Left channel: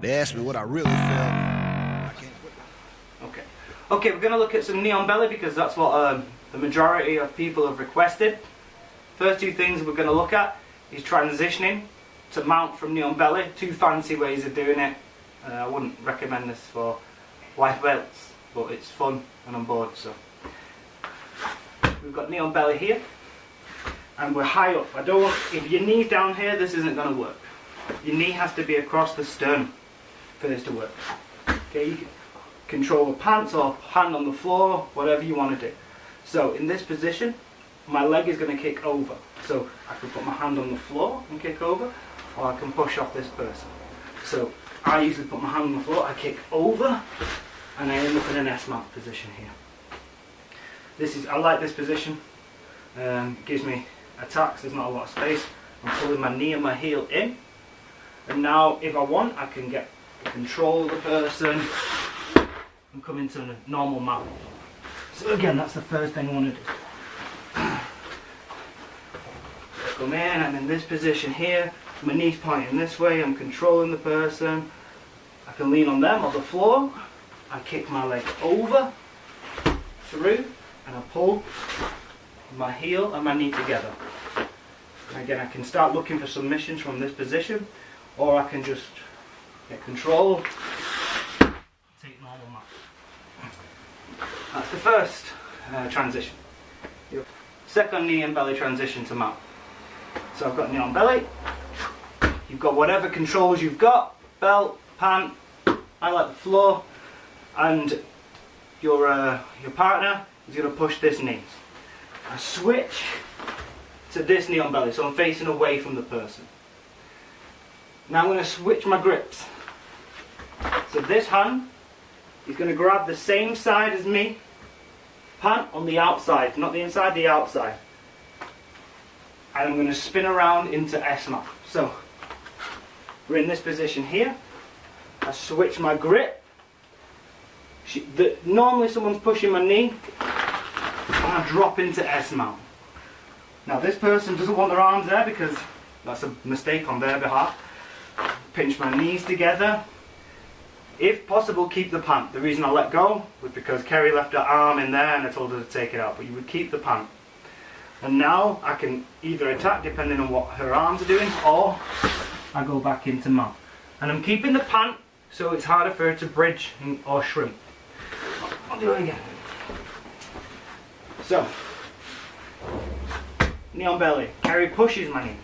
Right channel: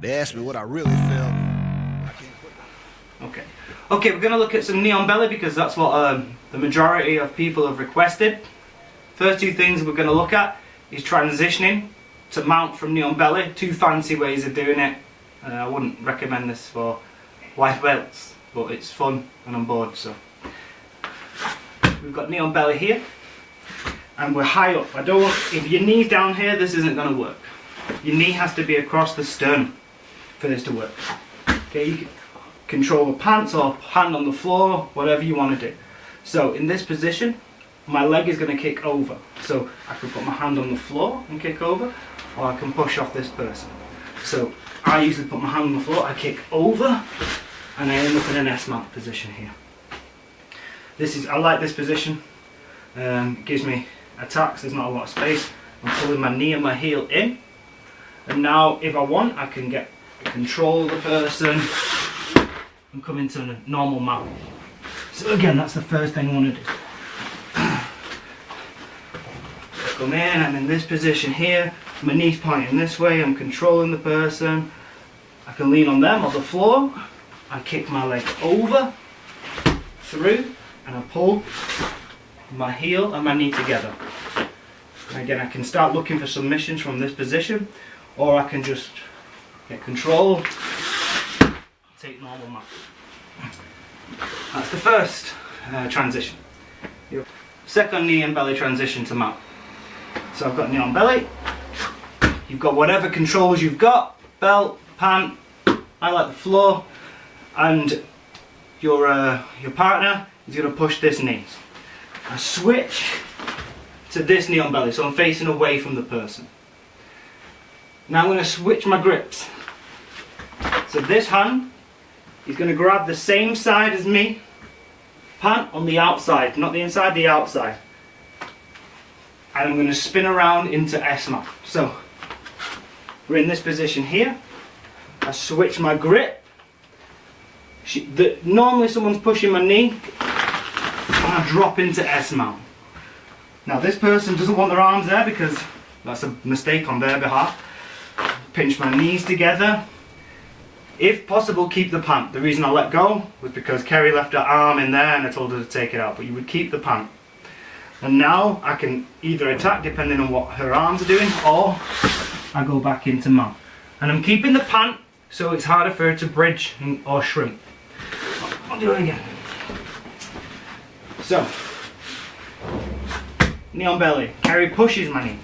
They asked me what I really feel. I can't put that. Okay, we're going to look at some knee on belly because that's what the majority of people have requested. First two things we're going to look at is transitioning to mount from knee on belly. Two fancy ways of doing it. I wouldn't recommend this for white belts, but it's fun and I'm bored. So we've got knee on belly here, and we're high up. If your knee's down here, this isn't going to work. Your knee has to be across the sternum for this to work. Okay, you can control the pants or hand on the floor, whatever you want to do. So in this position, my leg is going to kick over. So I can put my hand on the floor and kick over, or I can push off this person. So I usually put my hand on the floor, I kick over, and I end up in an S-mount position here. I like this position. Gives me attacks, there's not a lot of space. I'm pulling my knee and my heel in. And now if I want, I can control the person and come into a normal mount. So again, that's the first thing I want to do. Come in, I'm in this position here, my knee's pointing this way, I'm controlling the person. I can lean on them or the floor. I kick my leg over, through, and I pull my heel and my knee together. And again, I can start looking for submissions from this position, or I can just get control, take normal mount. That's the first transition. Second, knee and belly transition to mount. So I've got knee on belly. You've got whatever controls you've got, belt, pant, I like the floor, and your partner is going to push this knee. I switch to this knee on belly, so I'm facing away from the person. Now I'm going to switch my grips. So this hand is going to grab the same side as me, pant on the outside, not the inside, the outside. And I'm going to spin around into S-mount. So we're in this position here. I switch my grip. Normally someone's pushing my knee, and I drop into S-mount. Now this person doesn't want their arms there because that's a mistake on their behalf. Pinch my knees together. If possible, keep the pant. The reason I let go was because Kerry left her arm in there and I told her to take it out, but you would keep the pant. And now I can either attack depending on what her arms are doing, or I go back into mount. And I'm keeping the pant so it's harder for her to bridge or shrink. I'll do it again. So, knee on belly. Kerry pushes my knee.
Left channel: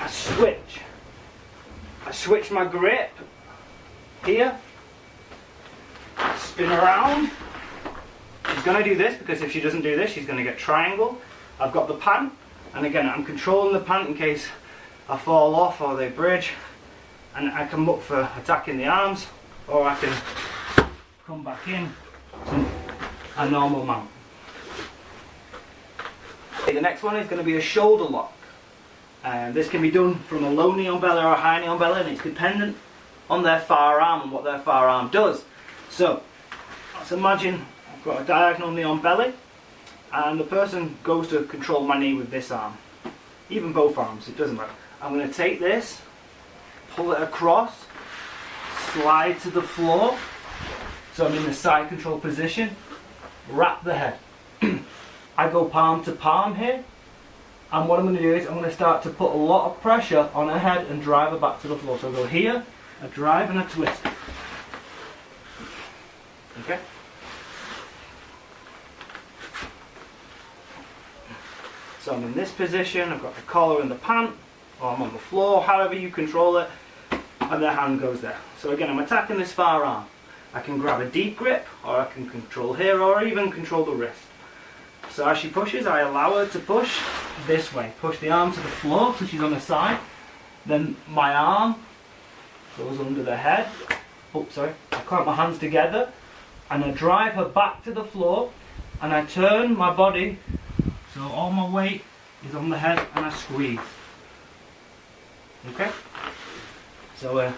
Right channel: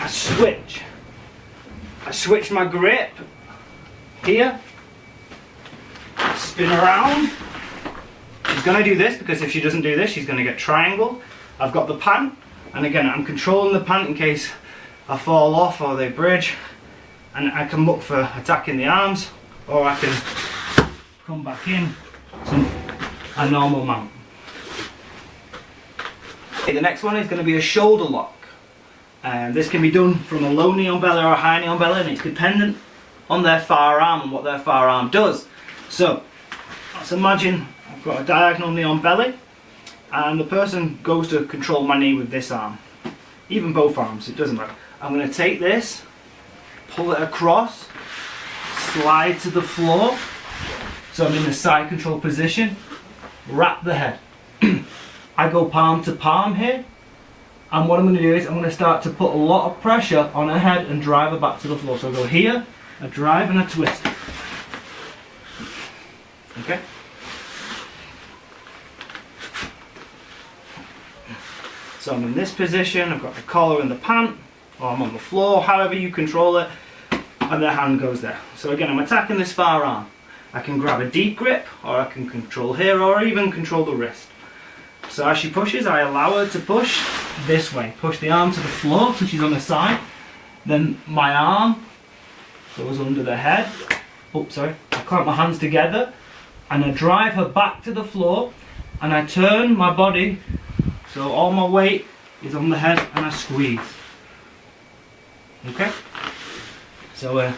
I switch my grip here. Spin around. She's going to do this because if she doesn't do this, she's going to get triangle. I've got the pant, and again, I'm controlling the pant in case I fall off or they bridge. And I can look for attacking the arms, or I can come back in to a normal mount. Okay, the next one is going to be a shoulder lock. And this can be done from a low knee on belly or a high knee on belly, and it's dependent on their far arm and what their far arm does. So let's imagine I've got a diagonal knee on belly, and the person goes to control my knee with this arm. Even both arms, it doesn't matter. I'm going to take this, pull it across, slide to the floor, so I'm in the side control position, wrap the head. I go palm to palm here, and what I'm going to do is I'm going to start to put a lot of pressure on her head and drive her back to the floor. So I go here, a drive and a twist. Okay? So I'm in this position, I've got the collar and the pant, or I'm on the floor, however you control it, and the hand goes there. So again, I'm attacking this far arm. I can grab a deep grip, or I can control here, or even control the wrist. So as she pushes, I allow her to push this way. Push the arm to the floor, so she's on the side. Then my arm goes under the head. Oh, sorry. I clamp my hands together, and I drive her back to the floor, and I turn my body, so all my weight is on the head, and I squeeze. Okay? So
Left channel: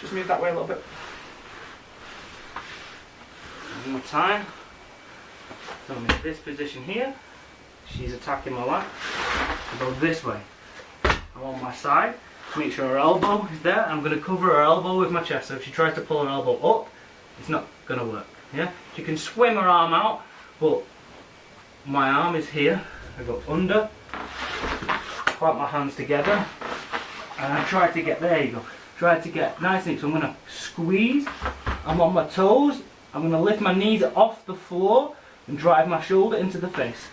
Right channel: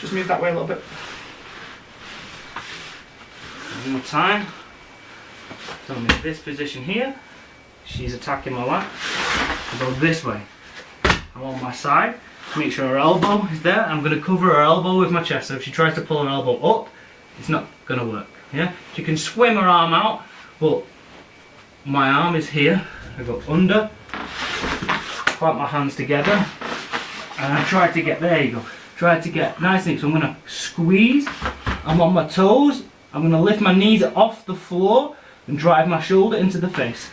just move that way a little bit. One more time. So I'm in this position here. She's attacking my lap. I go this way. I'm on my side. Make sure her elbow is there. I'm going to cover her elbow with my chest. So if she tries to pull her elbow up, it's not going to work. Yeah? She can swim her arm out, but my arm is here. I go under, clamp my hands together, and I try to get, there you go, try to get nice and, so I'm going to squeeze. I'm on my toes. I'm going to lift my knees off the floor and drive my shoulder into the face.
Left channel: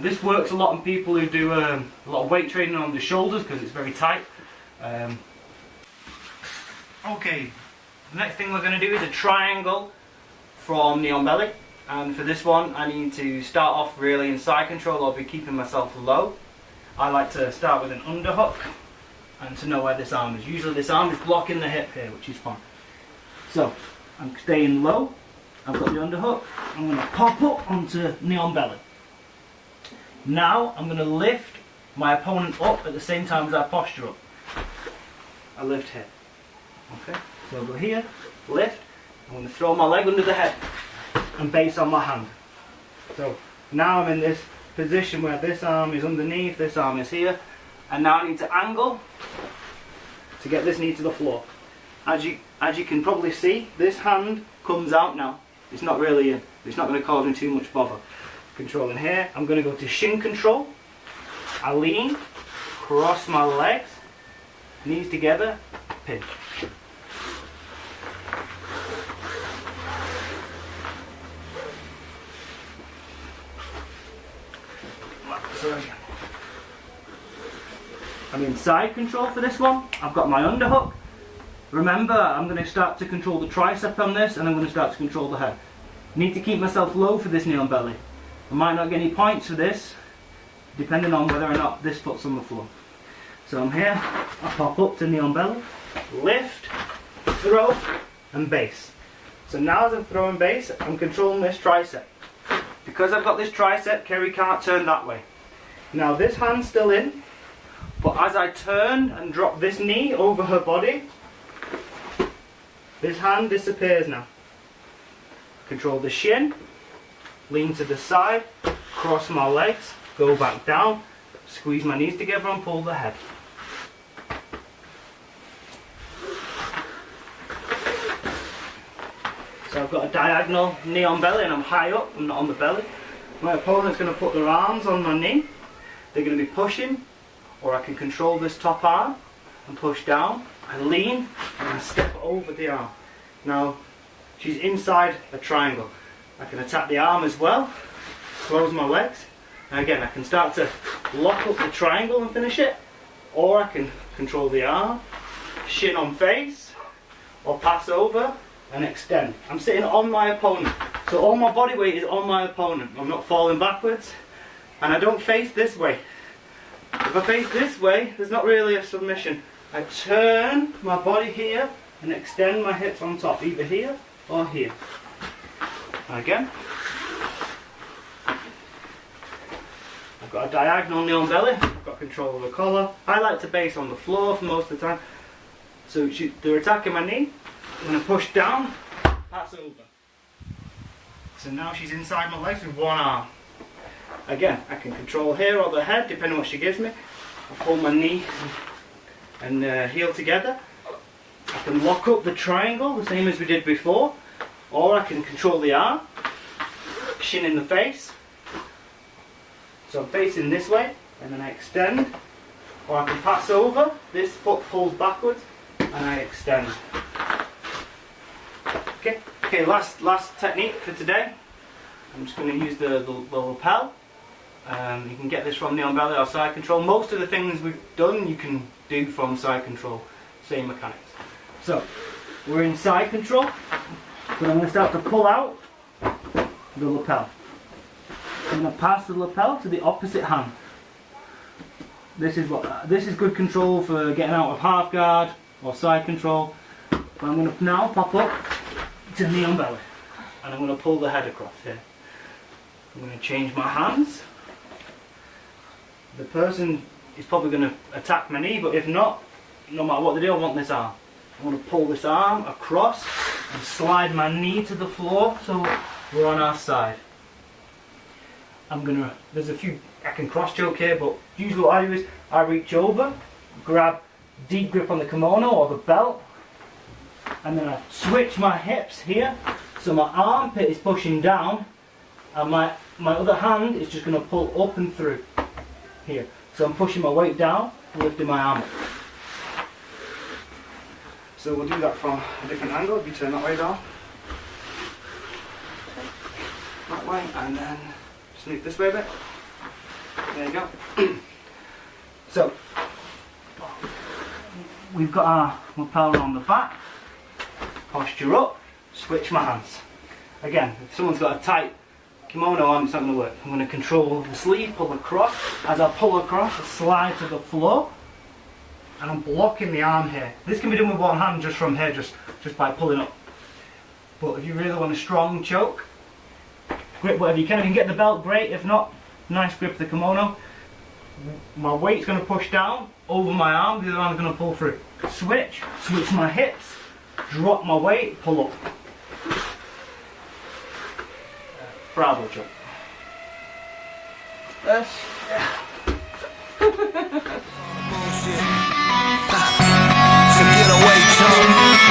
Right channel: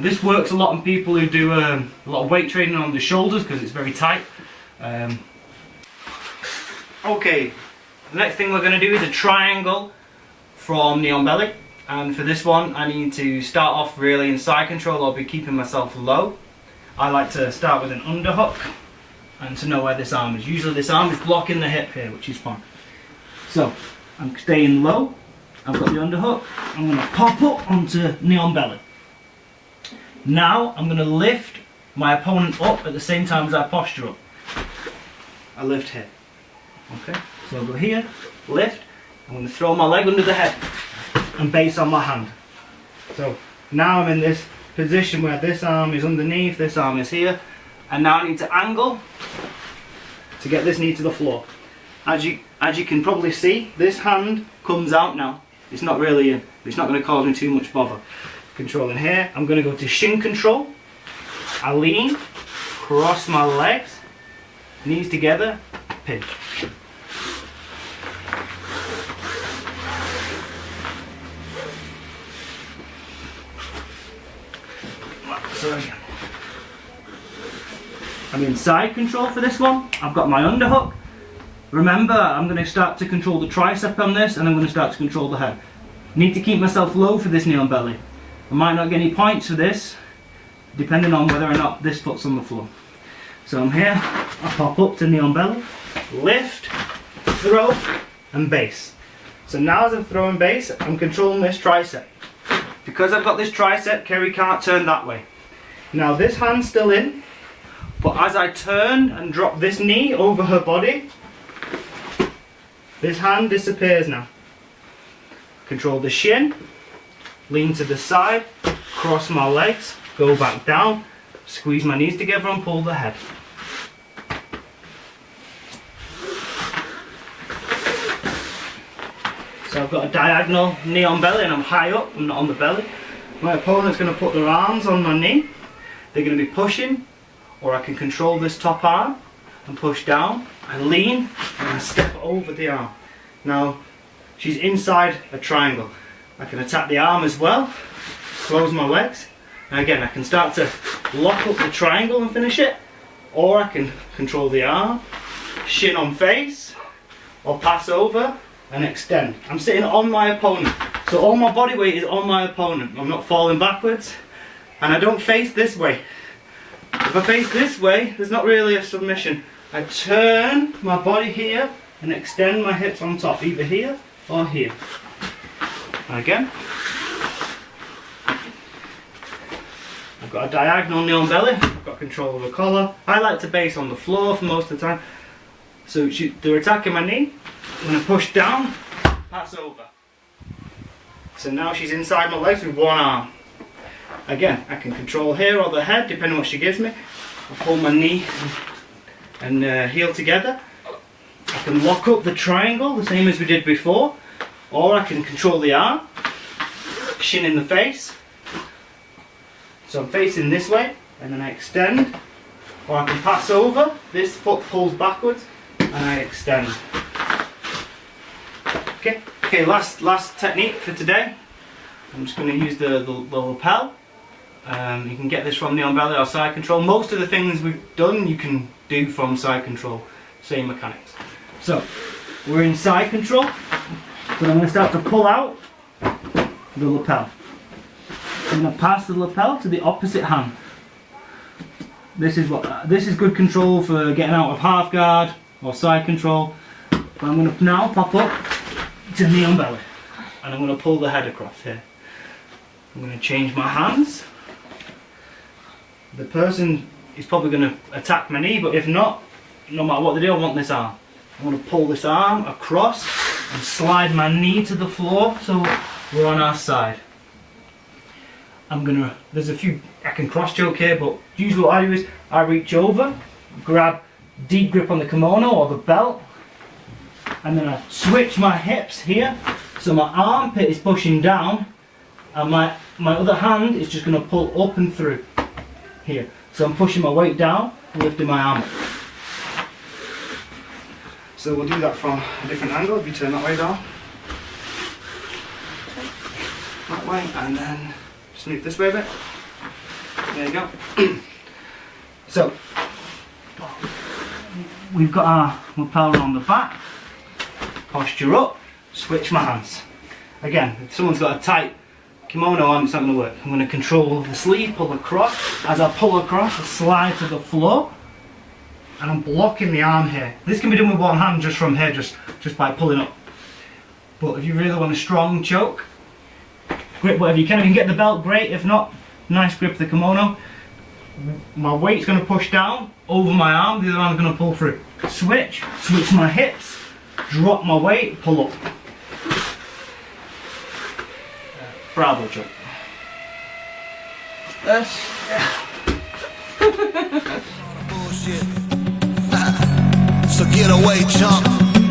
This works a lot on people who do a lot of weight training on the shoulders because it's very tight. Okay, the next thing we're going to do is a triangle from knee on belly. And for this one, I need to start off really in side control. I'll be keeping myself low. I like to start with an underhook and to know where this arm is. Usually this arm is blocking the hip here, which is fine. So, I'm staying low. I've got the underhook. I'm going to pop up onto knee on belly. Now, I'm going to lift my opponent up at the same time as I posture up. I lift here. Okay, so I'll go here, lift. I'm going to throw my leg under the head and base on my hand. So now I'm in this position where this arm is underneath, this arm is here, and now I need to angle to get this knee to the floor. As you can probably see, this hand comes out now. It's not really, it's not going to cause me too much bother. Controlling here, I'm going to go to shin control. I lean, cross my legs, knees together, pinch. So again, I'm in side control for this one. I've got my underhook. Remember, I'm going to start to control the tricep on this, and I'm going to start to control the head. Need to keep myself low for this knee on belly. I might not get any points for this, depending on whether or not this foot's on the floor. So I'm here, I pop up to knee on belly, lift, throw, and base. So now as I'm throwing base, I'm controlling this tricep. Because I've got this tricep, Kerry can't turn that way. Now this hand's still in, but as I turn and drop this knee over her body, this hand disappears now. Control the shin, lean to the side, cross my legs, go back down, squeeze my knees together and pull the head. So I've got a diagonal knee on belly and I'm high up, I'm not on the belly. My opponent's going to put their arms on my knee. They're going to be pushing, or I can control this top arm and push down. I lean and I step over the arm. Now she's inside a triangle. I can attack the arm as well, close my legs. And again, I can start to lock up the triangle and finish it, or I can control the arm, shin on face, or pass over and extend. I'm sitting on my opponent, so all my body weight is on my opponent. I'm not falling backwards, and I don't face this way. If I face this way, there's not really a submission. I turn my body here and extend my hips on top, either here or here. And again, I've got a diagonal knee on belly, I've got control of the collar. I like to base on the floor for most of the time. So they're attacking my knee, I'm going to push down, pass over. So now she's inside my legs with one arm. Again, I can control here or the head, depending on what she gives me. I pull my knee and heel together. I can lock up the triangle, the same as we did before. Or I can control the arm, shin in the face. So I'm facing this way, and then I extend. Or I can pass over, this foot pulls backwards, and I extend. Okay, last technique for today. I'm just going to use the lapel. You can get this from knee on belly or side control. Most of the things we've done you can do from side control. Same mechanics. So, we're in side control. So I'm going to start to pull out the lapel. I'm going to pass the lapel to the opposite hand. This is good control for getting out of half guard or side control. But I'm going to now pop up to knee on belly. And I'm going to pull the head across here. I'm going to change my hands. The person is probably going to attack my knee, but if not, no matter what they do, I want this arm. I'm going to pull this arm across and slide my knee to the floor so we're on our side. there's a few, I can cross choke here, but usually what I do is I reach over, grab deep grip on the kimono or the belt, and then I switch my hips here, so my armpit is pushing down, and my other hand is just going to pull up and through here. So I'm pushing my weight down, lifting my arm up. So we'll do that from a different angle. If you turn that way down, that way, and then just move this way a bit. There you go. So we've got our lapel on the back, posture up, switch my hands. Again, if someone's got a tight kimono on, it's not going to work. I'm going to control the sleeve, pull across. As I pull across, I slide to the floor, and I'm blocking the arm here. This can be done with one hand, just from here, just by pulling up. But if you really want a strong choke, grip whatever you can. If you can get the belt, great. If not, nice grip of the kimono. My weight's going to push down over my arm, the other arm's going to pull through. Switch my hips, drop my weight, pull up. Bravo choke. That's bullshit. So get away, chump.